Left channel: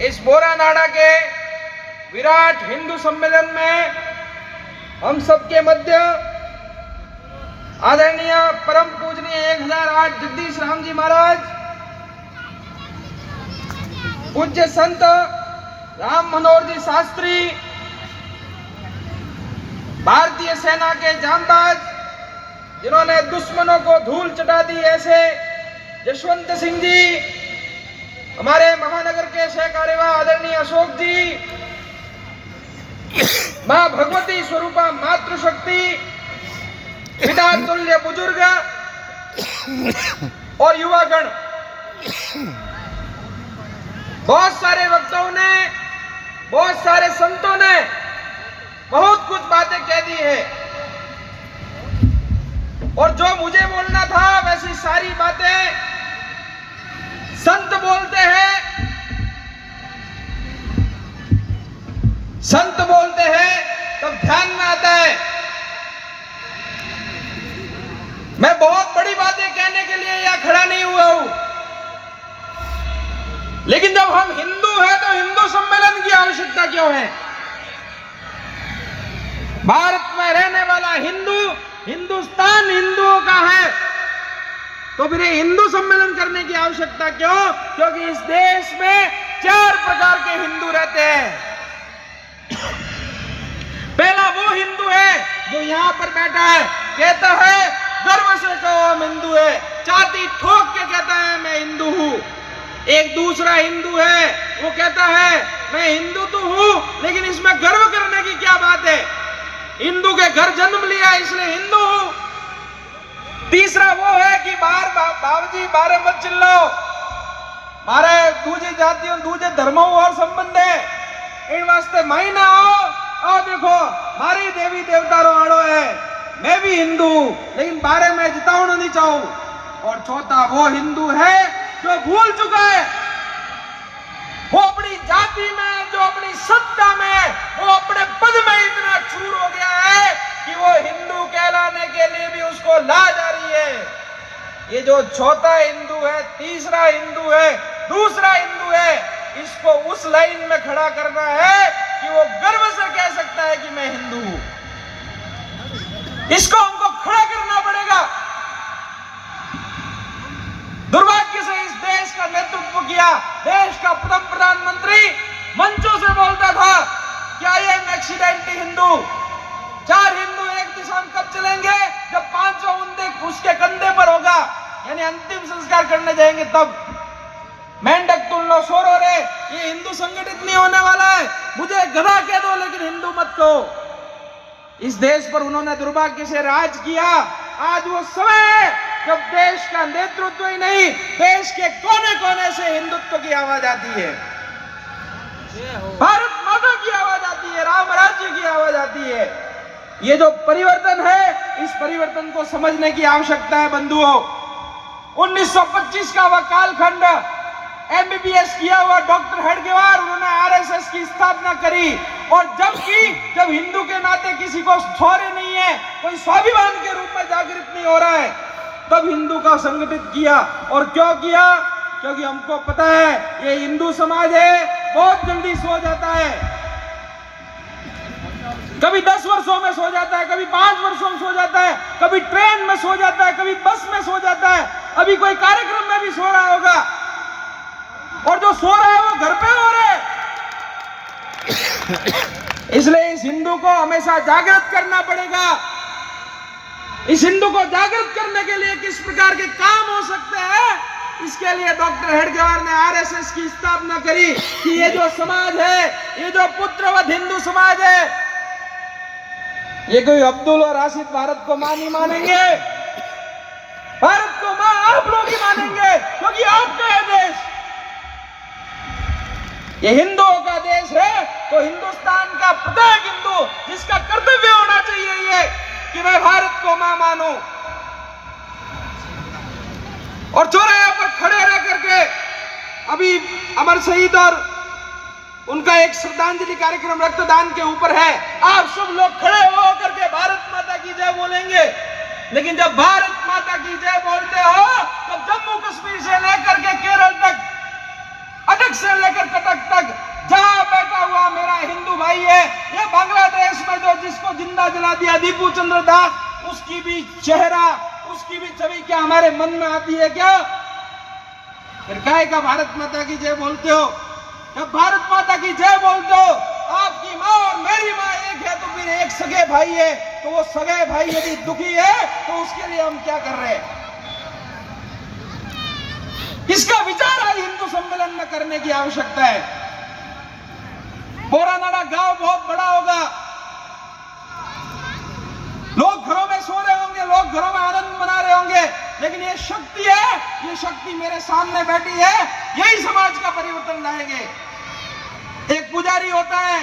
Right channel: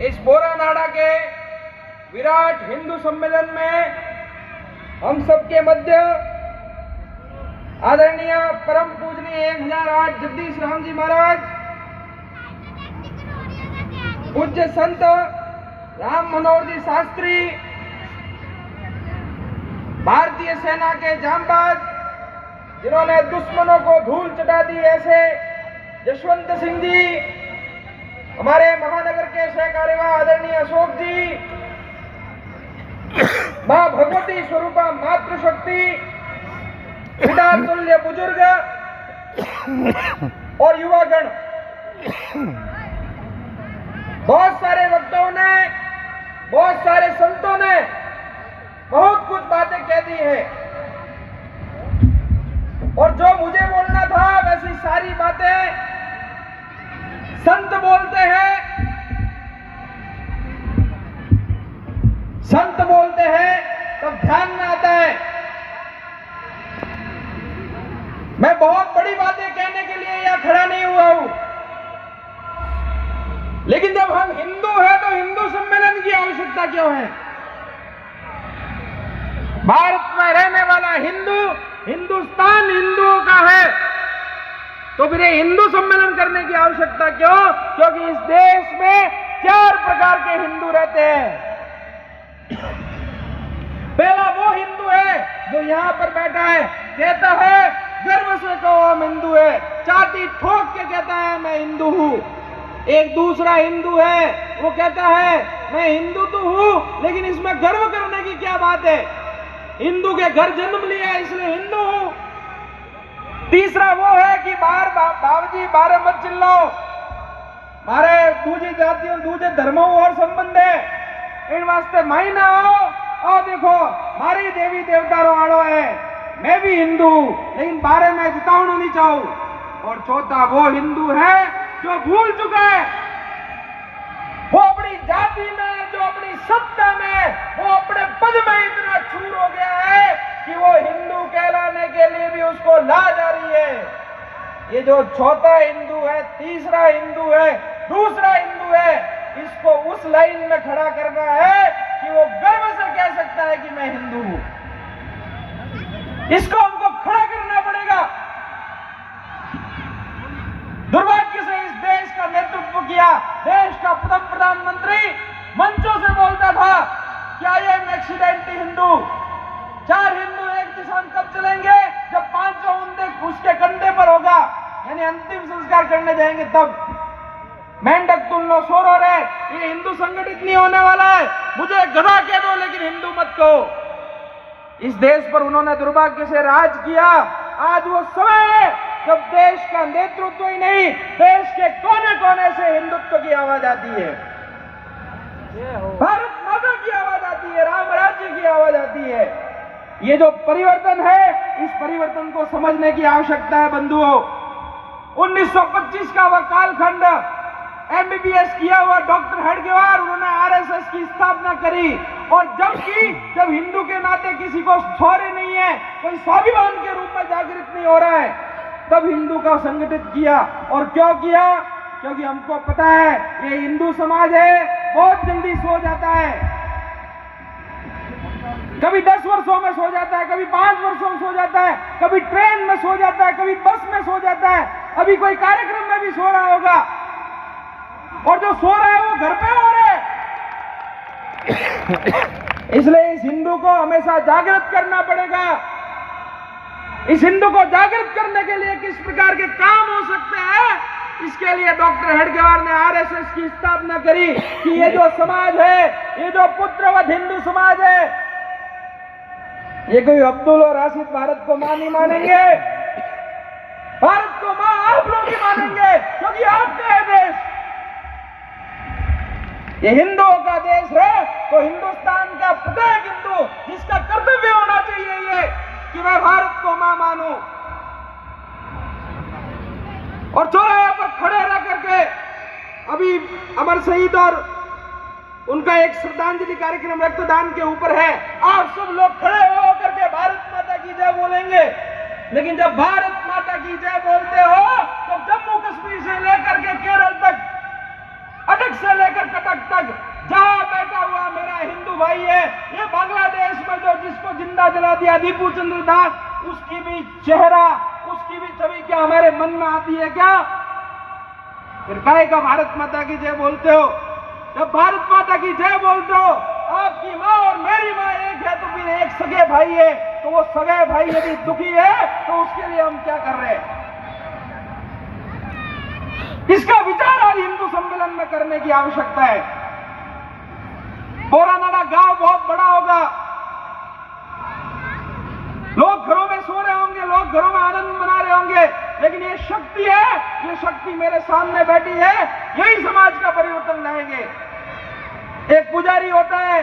इस बोरानाड़ा के विराट हिंदू सम्मेलन में हम सबके मध्य आदरणीय परम पूजनीय 1008 जगदीश राम जी महाराज, पूज्य संत राम मनोहर जी शास्त्री, भारतीय सेना के जांबाज जिन्होंने दुश्मनों को धूल चटा दी, ऐसे जसवंत सिंह जी, हमारे महानगर के सहकार्यवाह आदरणीय अशोक जी, मां भगवती स्वरूपा मातृशक्ति, पिता तुल्य बुजुर्ग और युवागण, बहुत सारे वक्ताओं ने, बहुत सारे संतों ने बहुत कुछ बातें कह दी है और जो मुझे बोलना था वैसी सारी बातें संत बोलते हैं। संत बोलते हैं तब ध्यान में आता है। मैं बहुत बड़ी बातें कहने के लिए यहां खड़ा नहीं हुआ हूं, लेकिन जब हम हिंदू हैं तो हिंदू सम्मेलन की आवश्यकता क्यों है? भारत में रहने वाला हिंदू, हिंदुस्तान हिंदुओं का है, तो फिर हिंदू सम्मेलन करने की आवश्यकता क्यों? क्योंकि इस देश में 4 प्रकार के हिंदू रहते हैं। पहला वो हिंदू है जो यहां पर बैठा है, कहता है गर्व से कहो हम हिंदू है, छाती ठोक के कहता है मैं हिंदू हूं। एक दूसरा हिंदू है, वो कहता है मैं हिंदू तो हूं, लेकिन इसमें गर्व करने की क्या बात है, हिंदू के घर जन्म लिया इसलिए हिंदू हूं। तीसरा वो है कि बाबूजी बारे मत चिल्लाओ, मारे दूसरी जातियों दूसरे धर्मों और संबंध है, इन वास्ते माई ना हो। और देखो मारी देवी देवता रो आड़ो है, मैं भी हिंदू हूं लेकिन बारे में जितावना नहीं चाहूं। और चौथा वो हिंदू है जो भूल चुका है, वो अपनी जाति में, जो अपनी सत्ता में, वो अपने पद में इतना चूर हो गया है कि वो हिंदू कहलाने के लिए भी उसको लाज आ रही है। ये जो चौथा हिंदू है, तीसरा हिंदू है, दूसरा हिंदू है, इसको उस लाइन में खड़ा करना है कि वो गर्व से कह सकता है कि मैं हिंदू हूं। इसको हमको खड़ा करना पड़ेगा। दुर्भाग्य से इस देश का नेतृत्व किया, देश का प्रथम प्रधानमंत्री मंचों से बोलता था कि I am accidentally Hindu. 4 Hindu एक दिशा में कब चलेंगे? जब 500 उंदे उसके कंधे पर होगा, यानी अंतिम संस्कार करने जाएंगे तब। मेंढक तुल्लो शोर हो रहे, ये हिंदू संगठित नहीं होने वाला है, मुझे गधा कह दो लेकिन हिंदू मत कहो। इस देश पर उन्होंने दुर्भाग्य से राज किया। आज वो समय है जब देश का नेतृत्व ही नहीं, देश के कोने कोने से हिंदुत्व की आवाज आती है, भारत माता की आवाज आती है, राम राज्य की आवाज आती है। ये जो परिवर्तन है, इस परिवर्तन को समझने की आवश्यकता है बंधुओं। 1925 का वह कालखंड, एमबीबीएस किया हुआ डॉक्टर हेडगेवार, उन्होंने आरएसएस की स्थापना करी। और जब हिंदू के नाते किसी को शौर्य नहीं है, कोई स्वाभिमान के रूप में जागृत नहीं हो रहा है, तब हिंदू का संगठित किया। और क्यों किया? क्योंकि हमको पता है ये हिंदू समाज है, बहुत जल्दी सो जाता है, कभी 10 वर्षों में सो जाता है, कभी 5 वर्षों में सो जाता है, कभी ट्रेन में सो जाता है, कभी बस में सो जाता है, अभी कोई कार्यक्रम में भी सो रहा होगा। और जो सो रहा है वो घर पे हो रहे। इसलिए इस हिंदू को हमेशा जागृत करना पड़ेगा। इस हिंदू को जागृत करने के लिए किस प्रकार के काम हो सकते हैं, इसके लिए डॉक्टर हेडगेवार ने आरएसएस की स्थापना करी कि ये जो समाज है, ये जो पुत्रवत हिंदू समाज है, ये कोई अब्दुल और आसिफ भारत को मां नहीं मानेंगे, भारत को मां आप लोग ही मानेंगे, क्योंकि आपका है देश, ये हिंदुओं का देश है। तो हिंदुस्तान का प्रत्येक हिंदू, जिसका कर्तव्य होना चाहिए ये कि मैं भारत को मां मानूं, और चौराहे पर खड़े रह करके, अभी अमर शहीद और उनका एक श्रद्धांजलि कार्यक्रम रक्तदान के ऊपर है, आप सब लोग खड़े हो करके भारत माता की जय बोलेंगे। लेकिन जब भारत माता की जय बोलते हो तो जम्मू कश्मीर से लेकर के केरल तक कटक से लेकर कटक तक जहां बैठा हुआ मेरा हिंदू भाई है, ये बांग्लादेश में जो जिसको जिंदा जला दिया दीपू चंद्र दास, उसकी भी चेहरा, उसकी भी छवि क्या हमारे मन में आती है क्या? फिर काहे का भारत माता की जय बोलते हो? जब भारत माता की जय बोलते हो, आपकी माँ और मेरी माँ एक है, तो फिर एक सगे भाई है, तो वो सगे भाई यदि दुखी है तो उसके लिए हम क्या कर रहे हैं? इसका विचार आज हिंदू सम्मेलन में करने की आवश्यकता है। बोरानाडा गांव बहुत बड़ा होगा, लोग घरों में सो रहे होंगे, लोग घरों में आनंद मना रहे होंगे, लेकिन ये शक्ति है, ये शक्ति मेरे सामने बैठी है, यही समाज का परिवर्तन लाएंगे। एक पुजारी होता है,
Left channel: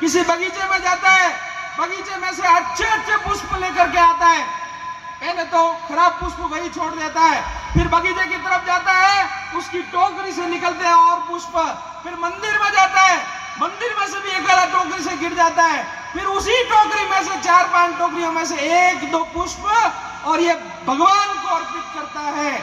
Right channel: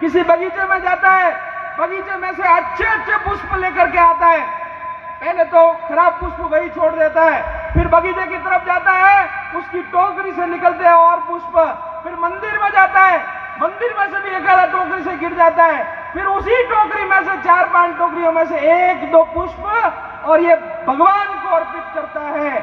किसी बगीचे में जाता है, बगीचे में से अच्छे अच्छे पुष्प लेकर के आता है, पहले तो खराब पुष्प वही छोड़ देता है, फिर बगीचे की तरफ जाता है, उसकी टोकरी से निकलते हैं और पुष्प, फिर मंदिर में जाता है, मंदिर में से भी एक आधा टोकरी से गिर जाता है, फिर उसी टोकरी में से 4-5 टोकरियों में से 1-2 पुष्प और ये भगवान को अर्पित करता है।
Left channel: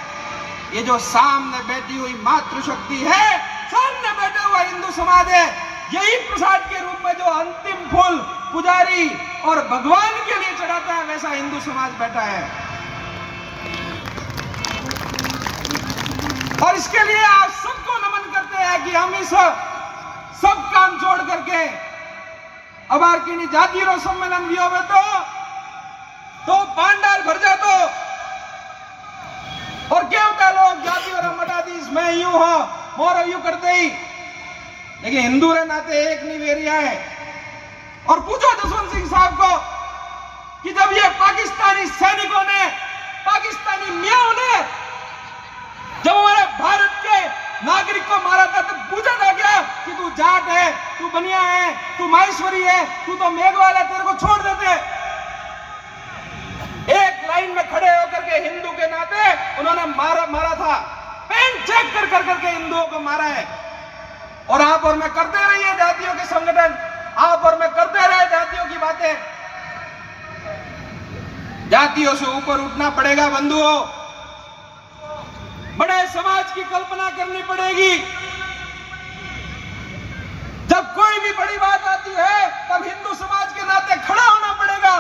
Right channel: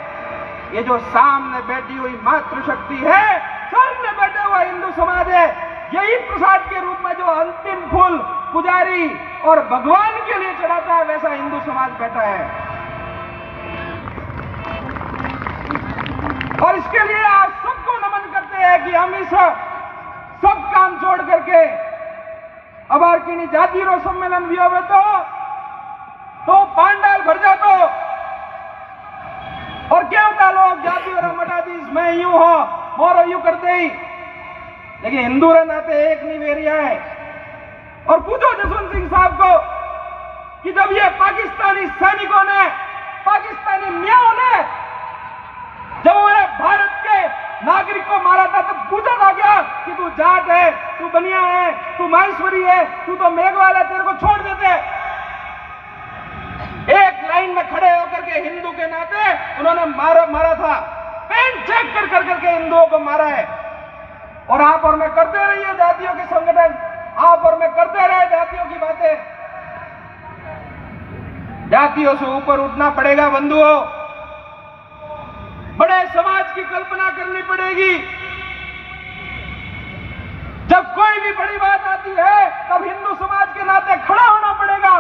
ये जो सामने बैठी हुई मातृशक्ति है, सामने बैठा हुआ हिंदू समाज है, यही प्रसाद के रूप में जो अंतिम फूल पुजारी और भगवान के लिए चढ़ाता है, वैसा हिंदू समाज बैठा है। और इसके लिए आप सबको नमन करते हैं कि हम इस सब काम छोड़ करके अबार की जाति रो सम्मेलन भी होवे तो पांडाल भर जातो और क्या होता लोग जाति और मटाधीश मैं यूं हो मोरो यूं करते ही, लेकिन हिंदू रे नाते एक निवेरिया है। और पूछो जसवंत सिंह साहब को कि जब ये पाकिस्तानी सैनिकों ने, पाकिस्तानी मियाओं ने जब हमारे भारत के नागरिक को मारा था, तो पूछा था क्या कि तू जाट है, तू बनिया है, तू माहेश्वरी है, तू तो मेघवाल है, तेरे को छोड़ देते? एक लाइन में खड़े होकर के हिंदू के नाते उन्होंने मारा था, पेन चेक कर करके हिंदुओं को मारा है। और आप और मैं करते रहिए जातियों के संगठन, आप और मैं करते रहे जातियों की बातें। जातियों से ऊपर उठना पड़ेगा बंधुओं, बड़े समाज की कल्पना करनी पड़ेगी। जब कोई भी बड़ी बात आती है तब हिंदू समाज के नाते खड़ा होना पड़ेगा।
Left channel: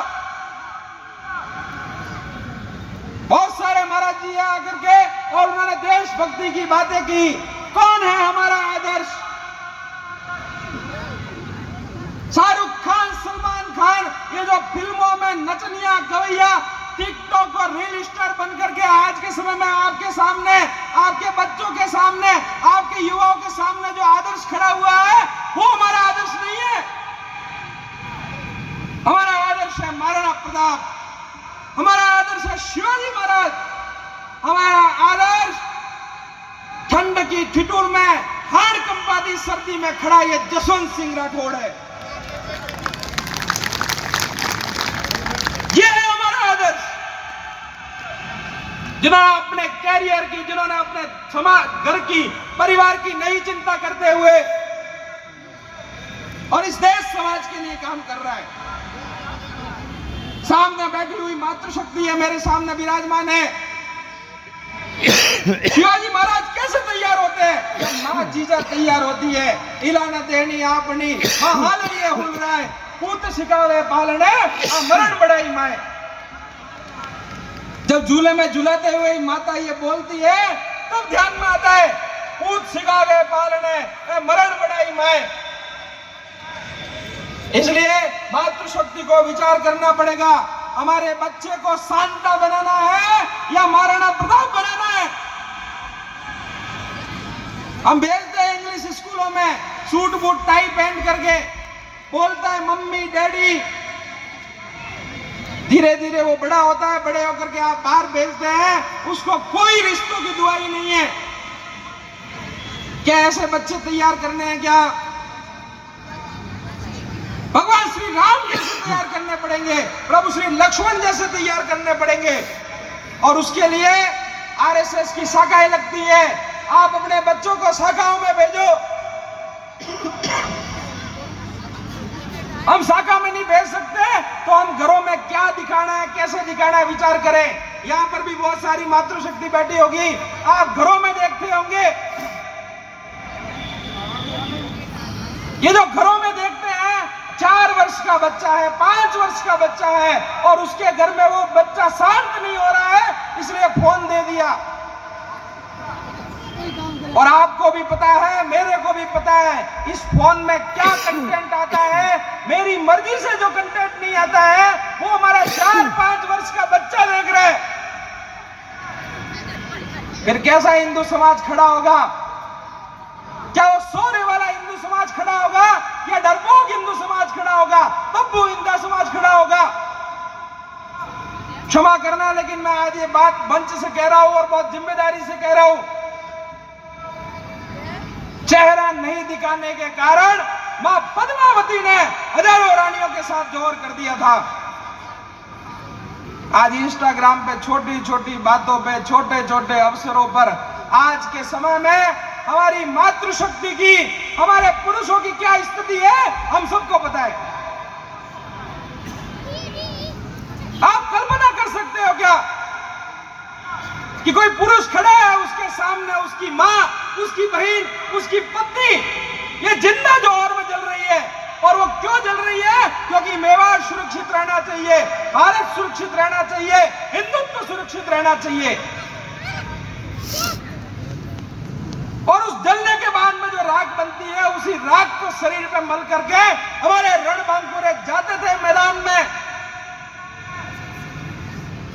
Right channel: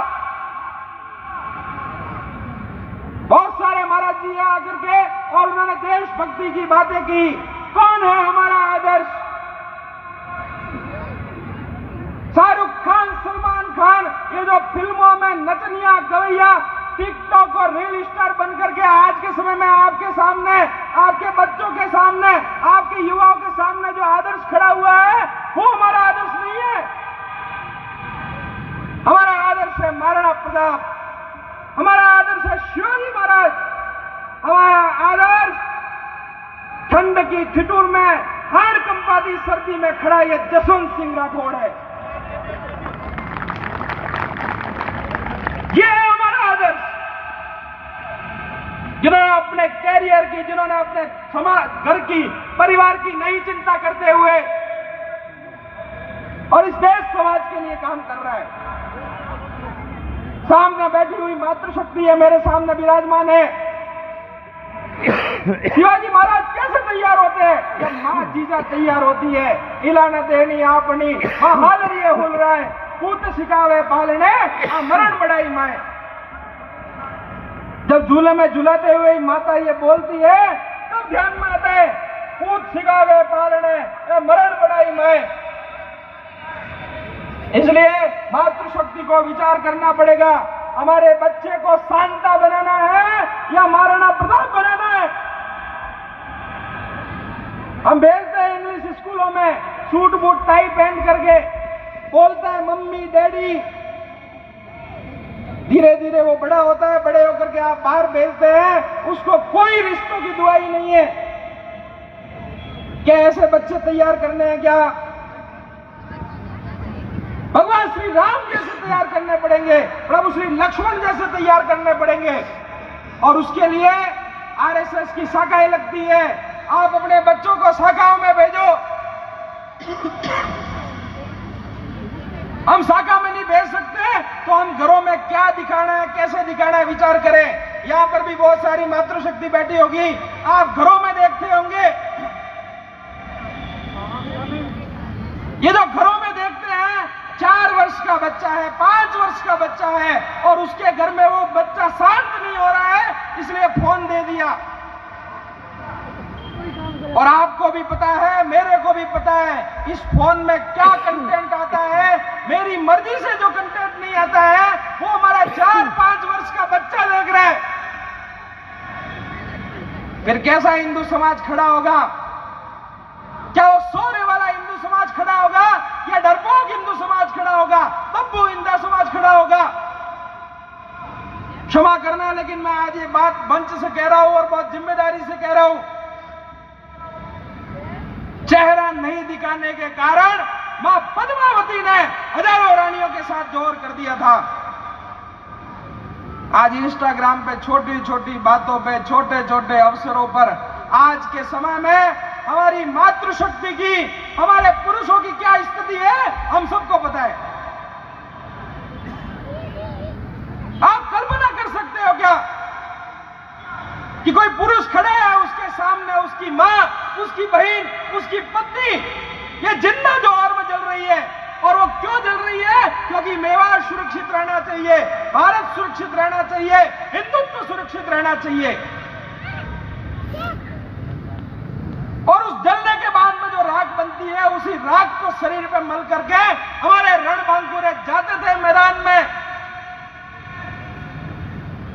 बहुत सारे महाराज जी आकर के और उन्होंने देशभक्ति की बातें की। कौन है हमारा आदर्श? शाहरुख खान, सलमान खान, ये जो फिल्मों में नचनिया गवैया, टिकटॉक और रील स्टार बनकर के आज के समय में आपके सामने, आपके बच्चों के सामने, आपके युवाओं के सामने जो आदर्श खड़ा हुआ है, वो हमारा आदर्श नहीं है। हमारा आदर्श है महाराणा प्रताप, हमारा आदर्श है शिवाजी महाराज, हमारा आदर्श ठंड की ठिठुर में हाड़ कंपाती सर्दी में खड़ा ये जसवंत सिंह राठौड़ है। ये है हमारा आदर्श, जिन्होंने अपने कैरियर की, जिन्होंने अपने समाज, घर की, परिवार की नहीं चिंता करते हुए और इस देश समाज के लिए काम कर रहा है। सामने बैठी हुई मातृशक्ति है, मेरे सामने विराजमान है। शिवाजी महाराज कैसे तैयार होते हैं? जब माँ जीजा तैयार होती है, इलाना देनी आपनी माँ हालरिए हुल रहा है, पूत सिखावे पालने मरण बढ़ाई माए। जब झूले में झूलाते हुए माता ये बोलती है, तब ध्यान में आता है पूत सिखावे पालने मरण बढ़ाई माए। इसलिए मातृशक्ति को विचार करना पड़ेगा, हमारे बच्चे को सांता बनाना है या महाराणा प्रताप बनाना है। हम भेजते हैं इंग्लिश स्कूलों में, सूट बूट टाई पहन करके, बोलता है मम्मी डैडी। धीरे धीरे वो बड़ा होता है, बड़े होकर के आप बाहर भेजते हैं, उसको कोई रिश्तों की दुआई नहीं है। क्या ऐसे बच्चे तैयार करने हैं क्या? भगवान श्री राम जैसे तैयार करने पड़ेंगे, प्रभु श्री लक्ष्मण जैसे तैयार करने पड़ेंगे। और उसके लिए आरएसएस की शाखाएं लगती है। आप अपने बच्चों को शाखाओं में भेजो। हम शाखा में नहीं भेज सकते तो हम घरों में क्या दिखाना है, कैसे दिखाना है, विचार करें। यहाँ पर भी बहुत सारी मातृशक्ति बैठी होगी, आप घरों में देखते होंगे ये जो घरों में देखते हैं 4 वर्ष का बच्चा है, 5 वर्ष का बच्चा है और उसके घर में वो बच्चा शांत नहीं हो रहा है, इसलिए फोन दे दिया। और आपको भी पता है, मेरे को भी पता है, इस फोन में क्या कंटेंट आता है। मेरी मर्जी से जो कंटेंट नहीं आता है वो हमारा 4-5 वर्ष का बच्चा देख रहा है। फिर कैसा हिंदू समाज खड़ा होगा? क्या वो सोने वाला हिंदू समाज खड़ा होगा या डरपोक हिंदू समाज खड़ा होगा, बब्बू हिंदू समाज खड़ा होगा? क्षमा करना, लेकिन मैं आज ये बात मंच से कह रहा हूं और बहुत जिम्मेदारी से कह रहा हूं। चेहरा नहीं दिखाने के कारण मां पद्मावती ने हजारों रानियों के साथ जोर कर दिया था। आज इंस्टाग्राम पे छोटी छोटी बातों पे, छोटे छोटे अवसरों पर आज के समय में हमारी मातृशक्ति की, हमारे पुरुषों की क्या स्थिति है हम सबको पता है। आप कल्पना कर सकते हो क्या कि कोई पुरुष खड़ा है, उसके सामने उसकी मां, उसकी बहन, उसकी पत्नी, ये जिंदा जोहर में जल रही है। और वो क्यों जल रही है? क्योंकि मेवाड़ सुरक्षित रहना चाहिए, भारत सुरक्षित रहना चाहिए, हिंदुत्व सुरक्षित रहना चाहिए। और उस जलने के बाद में जो राख बनती है, उसी राख को शरीर पे मल करके हमारे रणबांकुरे जाते थे मैदान में।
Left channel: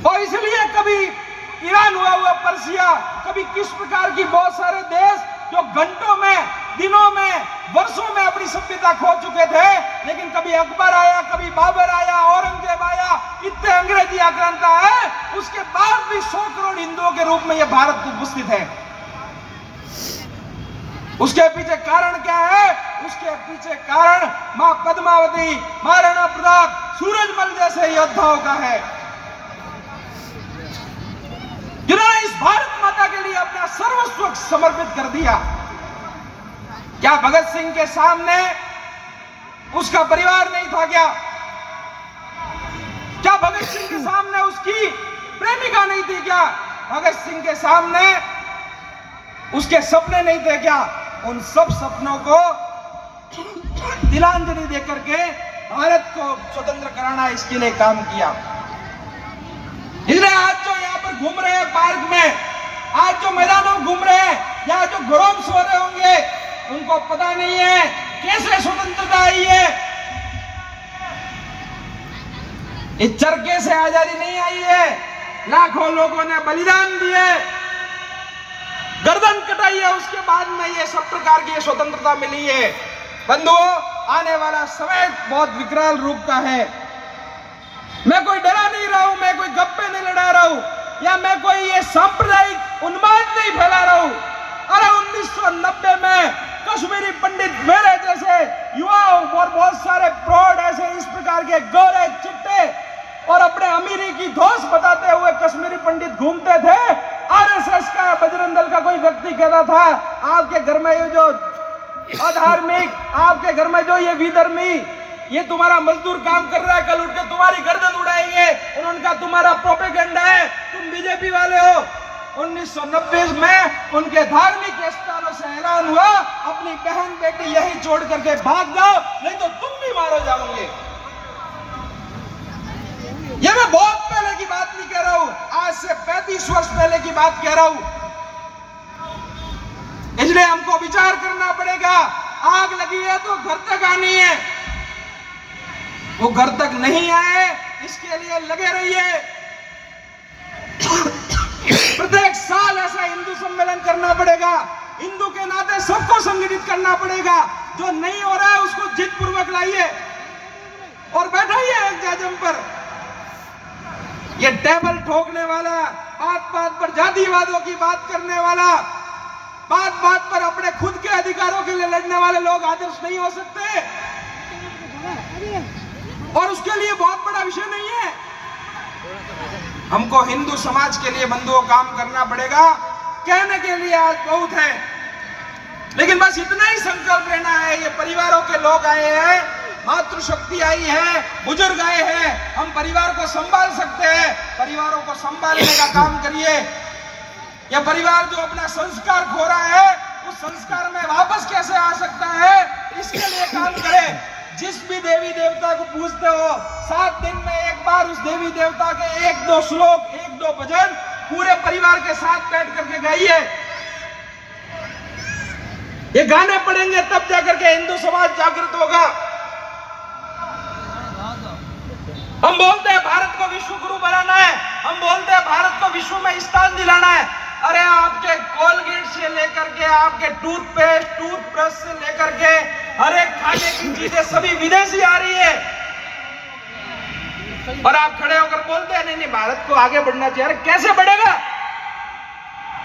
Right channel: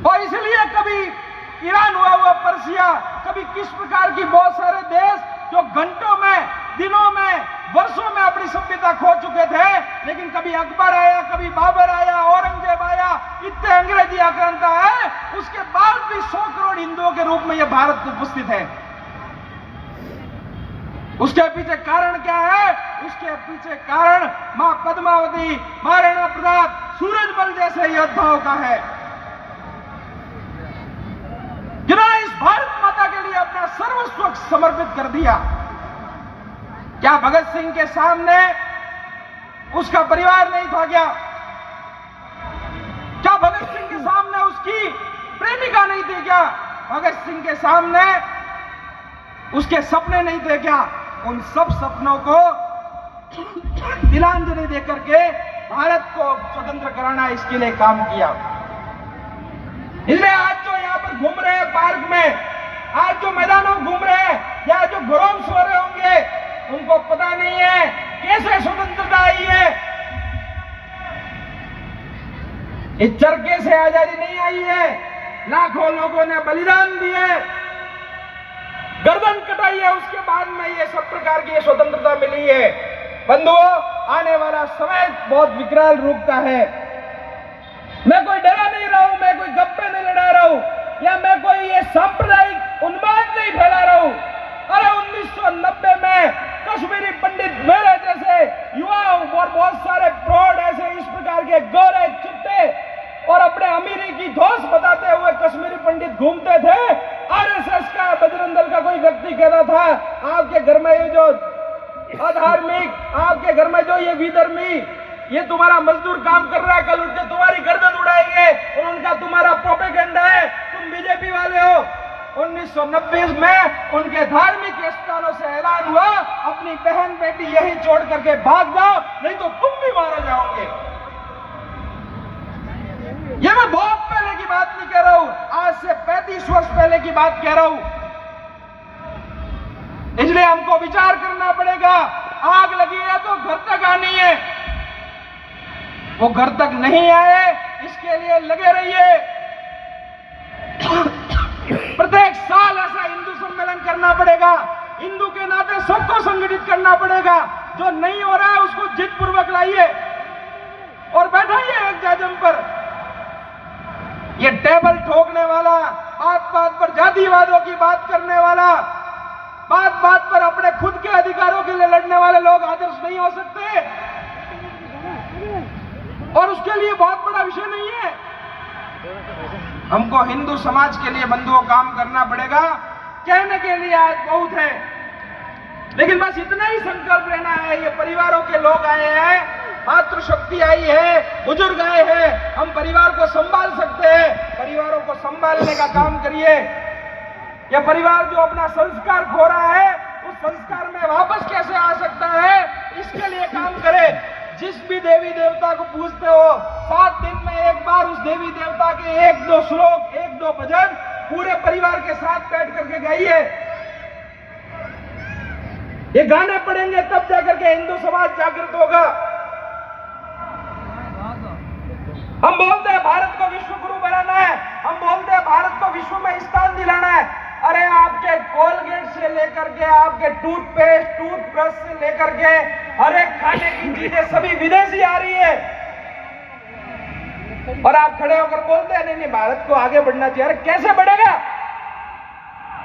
और इसलिए कभी ईरान हुआ पर्सिया, कभी किस प्रकार की बहुत सारे देश जो घंटों में, दिनों में, वर्षों में अपनी सभ्यता खो चुके थे, लेकिन कभी अकबर आया, कभी बाबर आया, औरंगजेब आया, इतने अंग्रेजी आक्रांता है, उसके बाद भी 100 करोड़ हिंदुओं के रूप में यह भारत उपस्थित है। उसके पीछे कारण क्या है? उसके पीछे कारण मां पद्मावती, महाराणा प्रताप, सूरजमल जैसे योद्धाओं का है, जिन्होंने इस भारत माता के लिए अपना सर्वस्व समर्पित कर दिया। क्या भगत सिंह के सामने उसका परिवार नहीं था क्या? क्या भगत सिंह के सामने उसकी प्रेमिका नहीं थी क्या? भगत सिंह के सामने उसके सपने नहीं थे क्या? उन सब सपनों को तिलांजलि देकर के भारत को स्वतंत्र कराना, इसके लिए काम किया। इसलिए आज जो यहाँ पर घूम रहे हैं पार्क में, आज जो मैदानों में घूम रहे हैं, या जो घरों में सो रहे होंगे, उनको पता नहीं है कैसे स्वतंत्रता आई है। इस चरखे से आजादी नहीं आई है, लाखों लोगों ने बलिदान दिए, गर्दन कटाई है, उसके बाद में ये सब प्रकार की स्वतंत्रता मिली है। बंधुओं, आने वाला समय बहुत विकराल रूप का है। मैं कोई डरा नहीं रहा हूं, मैं कोई गप्पे नहीं लड़ा रहा हूं, या मैं कोई ये सांप्रदायिक उन्माद नहीं फैला रहा हूं। अरे 1990 में कश्मीरी पंडित मेरे जैसे युवाओं और बहुत सारे प्रौढ़ ऐसे इस प्रकार के गोरे चिट्टे और अपने अमीरी की धौंस बताते हुए कश्मीरी पंडित घूमते थे। आरएसएस का, बजरंग दल का कोई व्यक्ति कहता था, आपके घर में ये जो अधार्मिक, आपके घर में जो ये विधर्मी, ये तुम्हारा मजदूर काम कर रहा है, कल उठ के तुम्हारी गर्दन उड़ाएंगे। उन्होंने कहा तुम्हारा प्रोपेगेंडा है, तुम बीजेपी वाले हो। 1990 में उनके धार्मिक स्थानों से ऐलान हुआ, अपनी बहन बेटी यही छोड़ करके भाग जाओ, नहीं तो तुम भी मारे जाओगे। ये मैं बहुत पहले की बात नहीं कह रहा हूं, आज से 35 वर्ष पहले की बात कह रहा हूं। इसलिए हमको विचार करना पड़ेगा। आग लगी है तो घर तक आनी है, वो घर तक नहीं आए इसके लिए लगे रहिए। प्रत्येक साल ऐसा हिंदू सम्मेलन करना पड़ेगा, हिंदू के नाते सबको संगठित करना पड़ेगा। जो नहीं हो रहा है उसको जिद पूर्वक लाइए और बैठाइए एक जाजम पर। ये टेबल ठोकने वाला, बात बात पर जातिवादों की बात करने वाला, बात बात पर अपने खुद के अधिकारों के लिए लड़ने वाले लोग आदर्श नहीं हो सकते, और उसके लिए बहुत बड़ा विषय नहीं है। हमको हिंदू समाज के लिए बंधुओं काम करना पड़ेगा। कहने के लिए आज बहुत है, लेकिन बस इतना ही संकल्प लेना है। ये परिवारों के लोग आए हैं, मातृशक्ति आई है, बुजुर्ग आए हैं, हम परिवार को संभाल सकते हैं। परिवारों को संभालने का काम करिए। यह परिवार जो अपना संस्कार खो रहा है, उस संस्कार में वापस कैसे आ सकता है, इसके लिए देवी देवता को पूजते हो, 7 दिन में एक बार उस देवी देवता के 1-2 श्लोक, 1-2 भजन पूरे परिवार के साथ बैठ करके गाइए। ये गाने पढ़ेंगे तब जाकर के हिंदू समाज जागृत होगा। हम बोलते हैं भारत को विश्व गुरु बनाना है, हम बोलते हैं भारत को विश्व में स्थान दिलाना है। अरे आपके कोलगेट से लेकर के आपके टूथपेस्ट, टूथब्रश से लेकर के हर एक खाने की चीजें सभी विदेशी आ रही है, और आप खड़े होकर बोलते हैं नहीं नहीं भारत को आगे बढ़ना चाहिए। अरे कैसे बढ़ेगा?